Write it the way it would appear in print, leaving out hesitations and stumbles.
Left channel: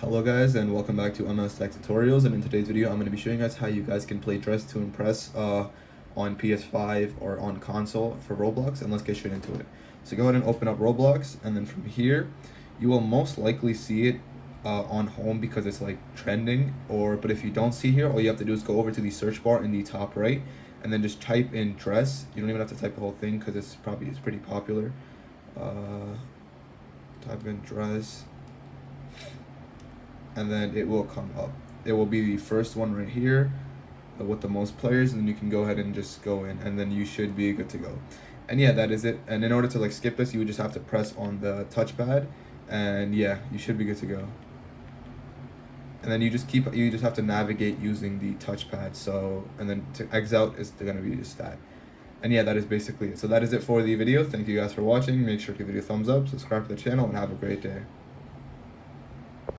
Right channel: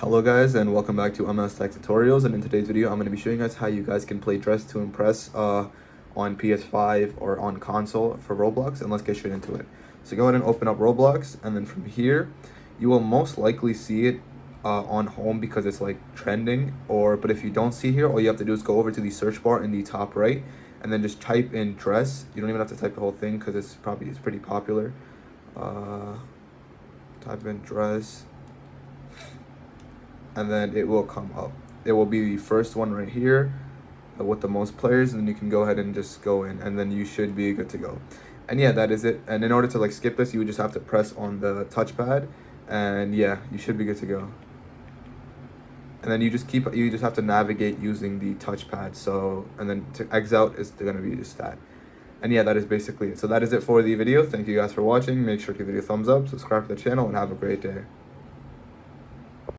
Hello guys, and welcome back to MS Tech Tutorials. And in today's video I'm going to be showing you guys how you guys can play Dress to Impress on PS5 or on console for Roblox. And let's get straight into it. So go ahead and open up Roblox, and then from here you will most likely see it on home because it's like trending. But if you don't see here, all you have to do is go over to the search bar in the top right and then just type in dress. You don't even have to type the whole thing because it's pretty popular. Type in dress, and then it will come up. It will be the first one right here with the most players, and then you can go ahead and just go in, and then you should be good to go. And yeah, that is it. And in order to like skip this, you would just have to press on the touchpad, and yeah, you should be good to go. And then you just have to navigate using the touchpad. So, and then to exit out is gonna be just that. And yeah, that is basically it. So that is it for the video. Thank you guys for watching. Make sure to give it a thumbs up, subscribe to the channel, and have a great day.